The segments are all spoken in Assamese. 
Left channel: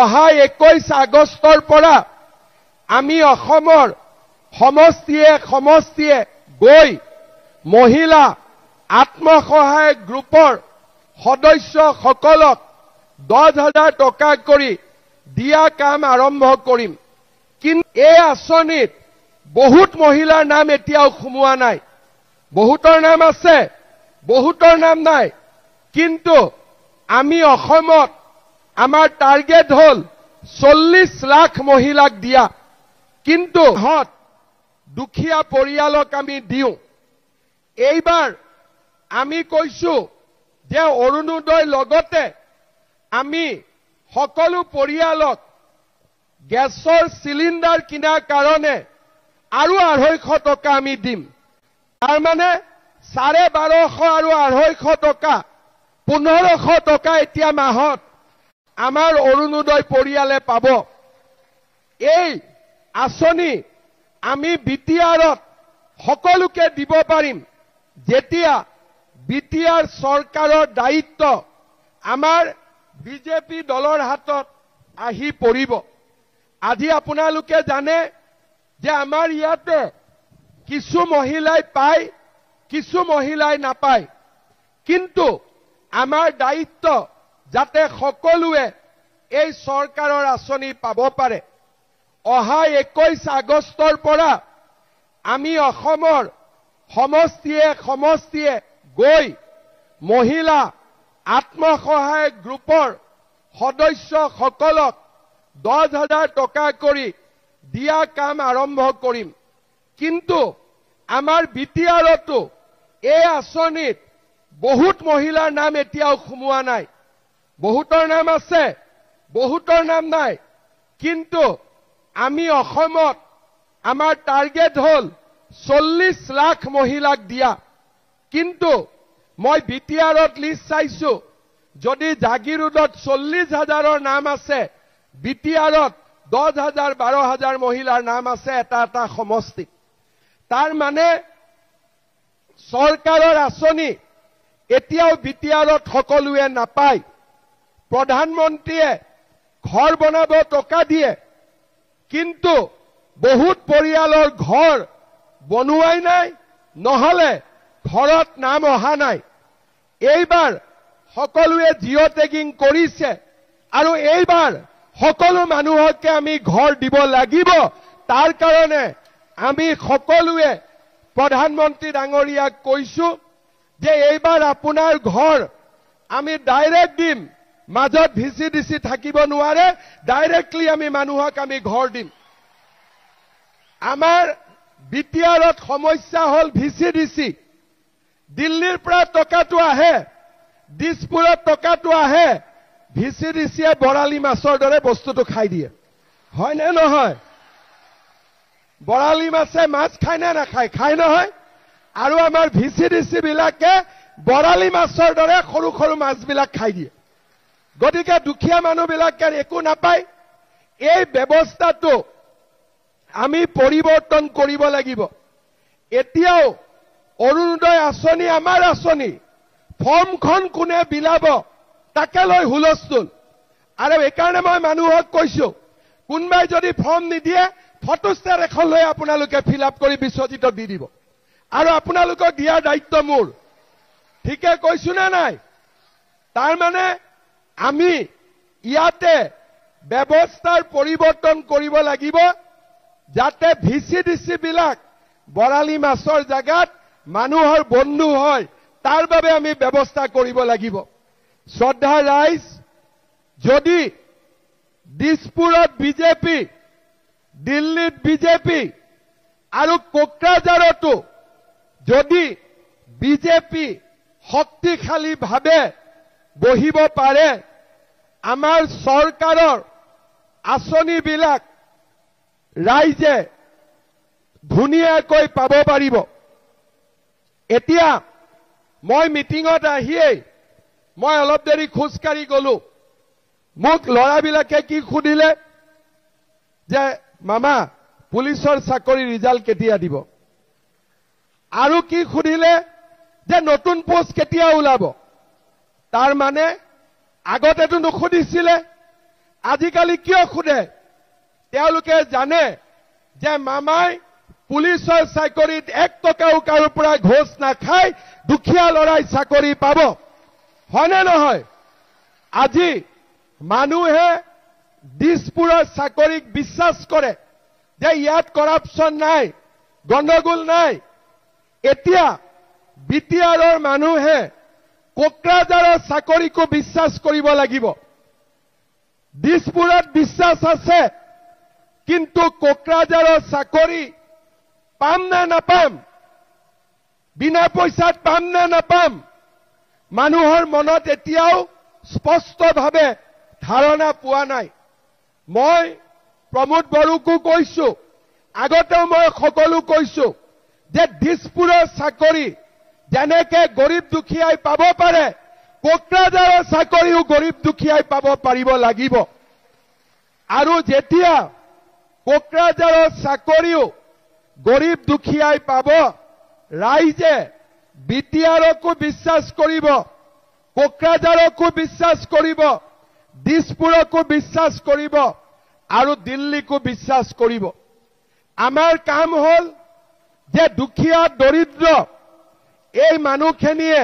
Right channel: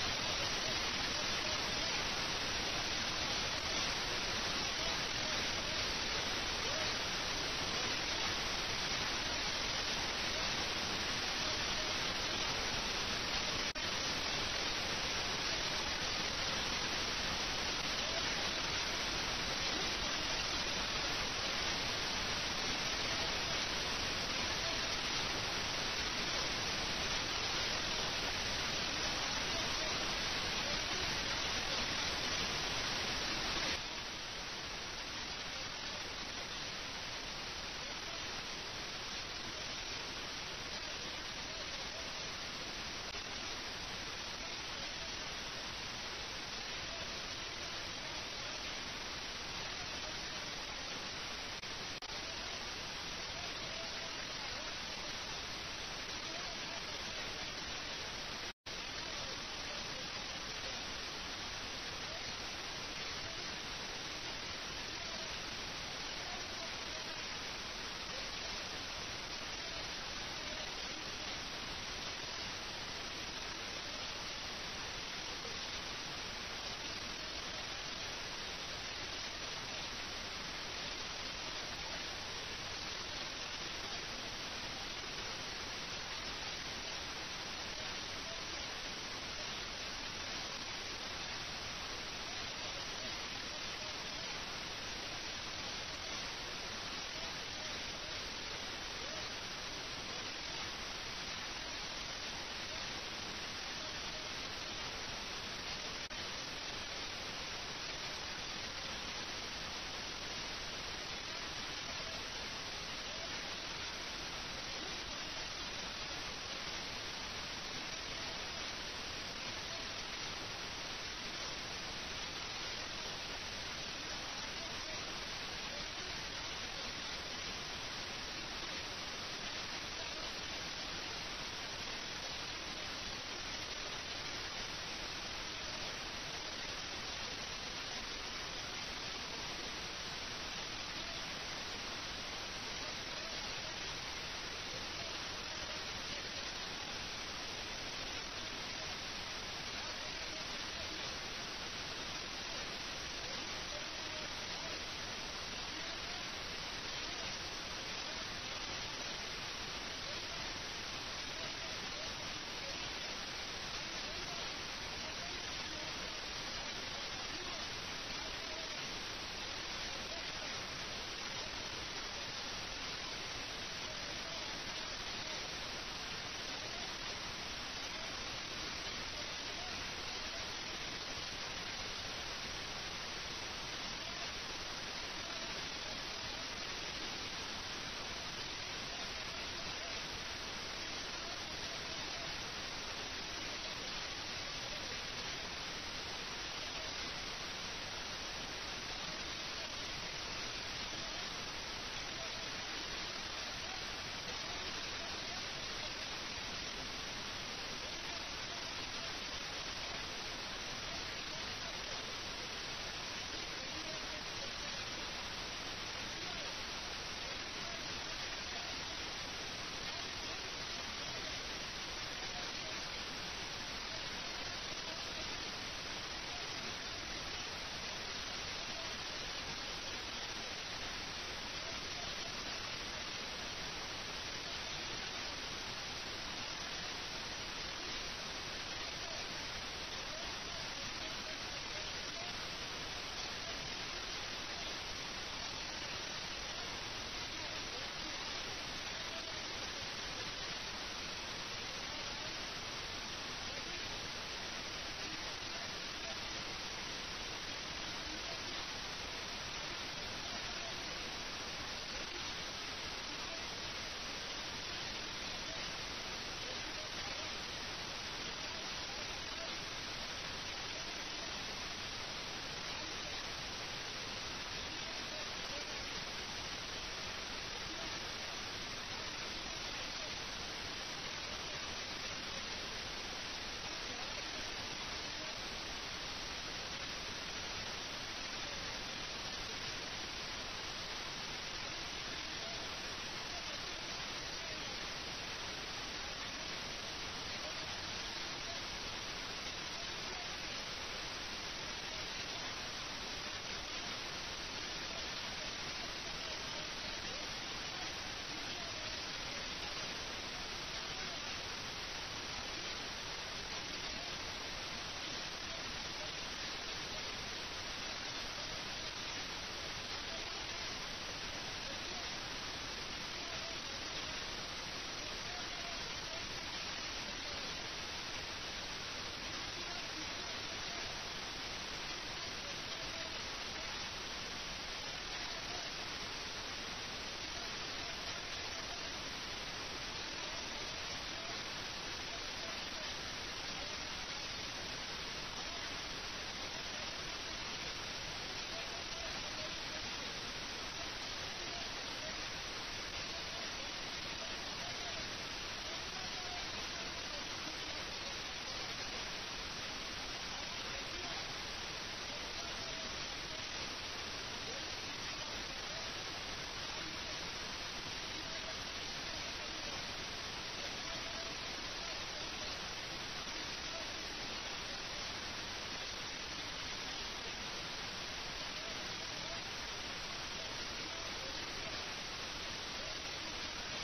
অহা 21 আগষ্টৰ পৰা আমি অসমৰ সমষ্টিয়ে গৈ মহিলা আত্মসহায়ক গ্ৰুপৰ সদস্যসকলক 10,000 টকা কৰি দিয়া কাম আৰম্ভ কৰিম। কিন্তু এই আঁচনিত বহুত মহিলাৰ নাম এতিয়াও সোমোৱা নাই। বহুতৰ নাম আছে, বহুতৰ নাম নাই। কিন্তু আমি অসমত আমাৰ টাৰ্গেট হ'ল 40 লাখ মহিলাক দিয়া। কিন্তু দুখীয়া পৰিয়ালক আমি দিওঁ। এইবাৰ আমি কৈছো যে অৰুণোদয় লগতে আমি সকলো পৰিয়ালক গেছৰ চিলিণ্ডাৰ কিনাৰ কাৰণে আৰু 250 টকা আমি দিম। তাৰ মানে 1250 আৰু 250 টকা 1500 টকা এতিয়া মাহত আমাৰ অৰুণোদয় পৰিয়ালে পাব। এই আঁচনি আমি বিটিআৰত সকলোকে দিব পাৰিম যেতিয়া বিটিআৰ চৰকাৰৰ দায়িত্ব আমাৰ বিজেপি দলৰ হাতত আহি পৰিব। আজি আপোনালোকে জানে যে আমাৰ ইয়াতে কিছু মহিলাই পায়, কিছু মহিলাই নাপায়। কিন্তু আমাৰ দায়িত্ব যাতে সকলোৱে এই চৰকাৰৰ আঁচনি পাব পাৰে। অহা 21 আগষ্টৰ পৰা আমি অসমৰ সমষ্টিয়ে গৈ মহিলা আত্মসহায়ক গ্ৰুপৰ সদস্যসকলক 10,000 টকা কৰি দিয়া কাম আৰম্ভ কৰিম। কিন্তু আমাৰ বিটিআৰতো এই আঁচনিত বহুত মহিলাৰ নাম এতিয়াও সোমোৱা নাই। বহুতৰ নাম আছে, বহুতৰ নাম নাই। কিন্তু আমি অসমত আমাৰ টাৰ্গেট হ'ল 40 লাখ মহিলাক দিয়া। কিন্তু মই বিটিআৰত লিষ্ট চাইছো, যদি জাগিৰোডত 40,000ৰ নাম আছে, বিটিআৰত 10,000 12,000 মহিলাৰ নাম আছে এটা সমষ্টি। তাৰ মানে চৰকাৰৰ আঁচনি এতিয়াও বিটিআৰত সকলোৱে নাপায়। প্ৰধানমন্ত্ৰীয়ে ঘৰ বনাব টকা দিয়ে, কিন্তু বহুত পৰিয়ালৰ ঘৰ বনোৱাই নাই, নহলে ঘৰত নাম অহা নাই। এইবাৰ সকলোৱে জিঅ' টেগিং কৰিছে আৰু এইবাৰ সকলো মানুহকে আমি ঘৰ দিব লাগিব। তাৰ কাৰণে আমি সকলোৱে প্ৰধানমন্ত্ৰী ডাঙৰীয়াক কৈছো যে এইবাৰ আপোনাৰ ঘৰ আমি ডাইৰেক্ট দিম। মাজত ভিচিডিচি থাকিব নোৱাৰে, ডাইৰেক্টলি আমি মানুহক আমি ঘৰ দিম। আমাৰ বিটিআৰত সমস্যা হ'ল ভিচিডিচি। দিল্লীৰ পৰা টকাটো আহে, দিছপুৰত টকাটো আহে, ভিচিডিচিয়ে বৰালি মাছৰ দৰে বস্তুটো খাই দিয়ে। হয় নে নহয়? বৰালি মাছে মাছ খায় নে নাখায়? খায় নহয়। আৰু আমাৰ ভিচিডিচি বিলাকে বৰালি মাছৰ দৰে সৰু সৰু মাছবিলাক খাই দিয়ে। গতিকে দুখীয়া মানুহবিলাকে একো নাপায়। এই ব্যৱস্থাটো আমি পৰিৱৰ্তন কৰিব লাগিব। এতিয়াও অৰুণোদয় আঁচনি আমাৰ আঁচনি, ফৰ্মখন কোনে বিলাব তাকে লৈ হুলস্থুল। আৰু এইকাৰণে মই মানুহক কৈছো, কোনোবাই যদি ফৰ্ম নিদিয়ে ফটোষ্টেট এখন লৈ আপোনালোকে ফিল আপ কৰি বিশ্বজিতক দি দিব। আৰু আপোনালোকক দিয়াৰ দায়িত্ব মোৰ। ঠিকে কৈছো নে নাই? তাৰ মানে আমি ইয়াতে ব্যৱস্থাৰ পৰিৱৰ্তন কৰিব লাগিব, যাতে ভিচিডিচি বিলাক বৰালি মাছৰ জাগাত মানুহৰ বন্ধু হয়। তাৰ বাবে আমি ব্যৱস্থা কৰিব লাগিব। শ্ৰদ্ধা ৰাইজ, যদি দিছপুৰত বিজেপি, দিল্লীত বিজেপি আৰু কোকৰাঝাৰতো যদি বিজেপি শক্তিশালীভাৱে বহিব পাৰে, আমাৰ চৰকাৰৰ আঁচনিবিলাক ৰাইজে ধুনীয়াকৈ পাব পাৰিব। এতিয়া মই মিটিঙত আহিয়েই মই অলপ দেৰি খোজকাঢ়ি গলো। মোক ল'ৰাবিলাকে কি সুধিলে যে মামা পুলিচৰ চাকৰি ৰিজাল্ট কেতিয়া দিব? আৰু কি সুধিলে যে নতুন পোষ্ট কেতিয়া ওলাব? তাৰ মানে আগতেতো নুসুধিছিলে আজিকালি কিয় সোধে তেওঁলোকে জানে যে মামাই পুলিচৰ চাকৰিত 1 টকাও কাৰো পৰা ঘোষ নাখায় দুখীয়া লৰাই চাকৰি পাব হয়নে নহয় আজি মানুহে দিছপুৰৰ চাকৰিক বিশ্বাস কৰে যে ইয়াত কৰাপশ্যন নাই গণ্ডগোল নাই এতিয়া বিটিআৰৰ মানুহে কোকৰাঝাৰৰ চাকৰিকো বিশ্বাস কৰিব লাগিব দিছপুৰত বিশ্বাস আছে কিন্তু কোকৰাঝাৰৰ চাকৰি পাম নে নাপাম বিনা পইচাত পাম নে নাপাম মানুহৰ মনত এতিয়াও স্পষ্টভাৱে ধাৰণা পোৱা নাই মই প্ৰমোদ বড়োকো কৈছো আগতেও মই সকলো কৈছো যে দিছপুৰৰ চাকৰি যেনেকে গৰীব দুখীয়াই পাব পাৰে কোকৰাঝাৰৰ চাকৰিও গৰীব দুখীয়াই পাব পাৰিব লাগিব আৰু যেতিয়া কোকৰাঝাৰৰ চাকৰিও গৰীব দুখীয়াই পাব ৰাইজে বিটিআৰকো বিশ্বাস কৰিব কোকৰাঝাৰকো বিশ্বাস কৰিব দিছপুৰকো বিশ্বাস কৰিব আৰু দিল্লীকো বিশ্বাস কৰিব আমাৰ কাম হল যে দুখীয়া দৰিদ্ৰ এই মানুহখিনিয়ে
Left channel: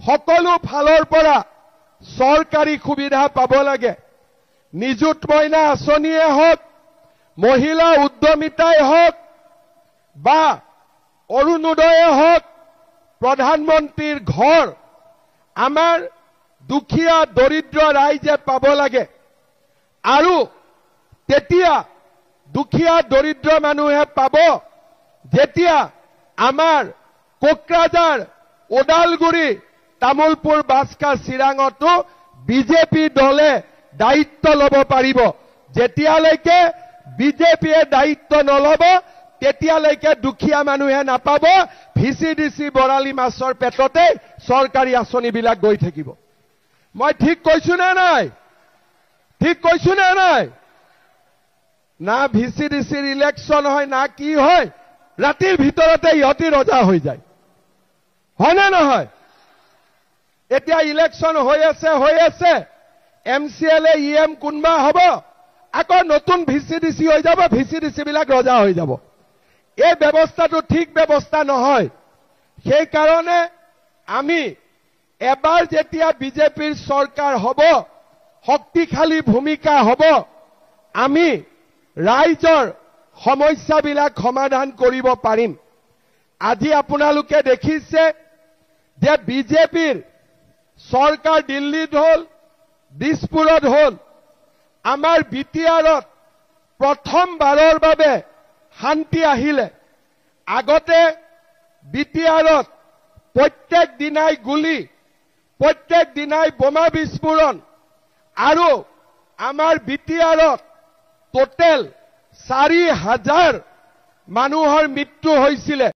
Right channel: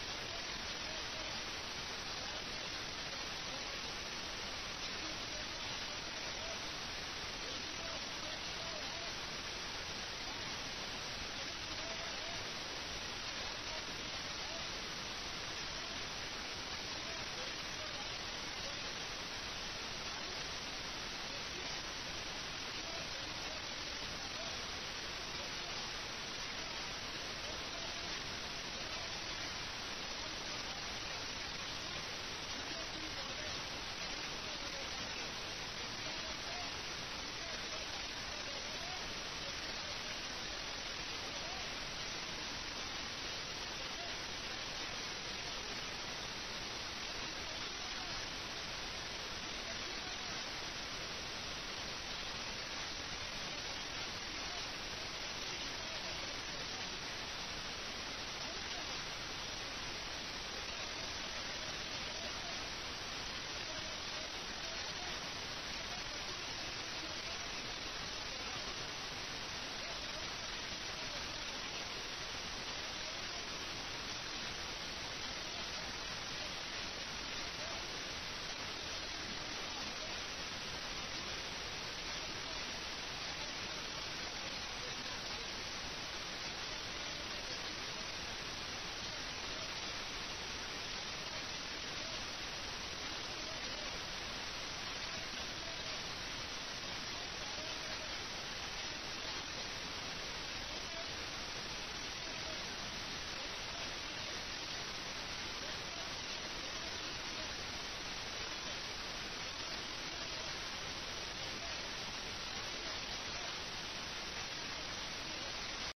সকলো ফালৰ পৰা চৰকাৰী সুবিধা পাব লাগে নিযুত মইনা আঁচনিয়ে হওক মহিলা উদ্যমিতাই হওক বা অৰুণোদয়ে হওক প্ৰধানমন্ত্ৰীৰ ঘৰ আমাৰ দুখীয়া দৰিদ্ৰ ৰাইজে পাব লাগে আৰু তেতিয়া দুখীয়া দৰিদ্ৰ মানুহে পাব যেতিয়া আমাৰ কোকৰাঝাৰ ওদালগুৰি তামুলপুৰ বাস্কা চিৰাঙতো বিজেপি দলে দায়িত্ব ল'ব পাৰিব যেতিয়ালৈকে বিজেপিয়ে দায়িত্ব নল'ব তেতিয়ালৈকে দুখীয়া মানুহে নাপাব ভিচিডিচি বৰালি মাছৰ পেটতে চৰকাৰী আঁচনিবিলাক গৈ থাকিব মই ঠিক কৈছো নে নাই ঠিক কৈছো নে নাই না ভিচিডিচিৰ ইলেকশ্যন হয় না কি হয় ৰাতিৰ ভিতৰতে ইহঁতি ৰজা হৈ যায় হয়নে নহয় এতিয়া ইলেকশ্যন হৈ আছে MCLA EM কোনবা হ'ব আকৌ নতুন ভিচিডিচি হৈ যাব ভিচিডিচি বিলাক ৰজা হৈ যাব এই ব্যৱস্থাটো ঠিক ব্যৱস্থা নহয় সেই কাৰণে আমি এবাৰ যেতিয়া বিজেপিৰ চৰকাৰ হ'ব শক্তিশালী ভূমিকা হ'ব আমি ৰাইজৰ সমস্যাবিলাক সমাধান কৰিব পাৰিম আজি আপোনালোকে দেখিছে যে বিজেপিৰ চৰকাৰ দিল্লীত হ'ল দিছপুৰত হ'ল আমাৰ বিটিআৰত প্ৰথমবাৰৰ বাবে শান্তি আহিলে আগতে বিটিআৰত প্ৰত্যেক দিনাই গুলি প্ৰত্যেক দিনাই বোমা বিস্ফোৰণ আৰু আমাৰ বিটিআৰত টোটেল 4,000 মানুহৰ মৃত্যু হৈছিলে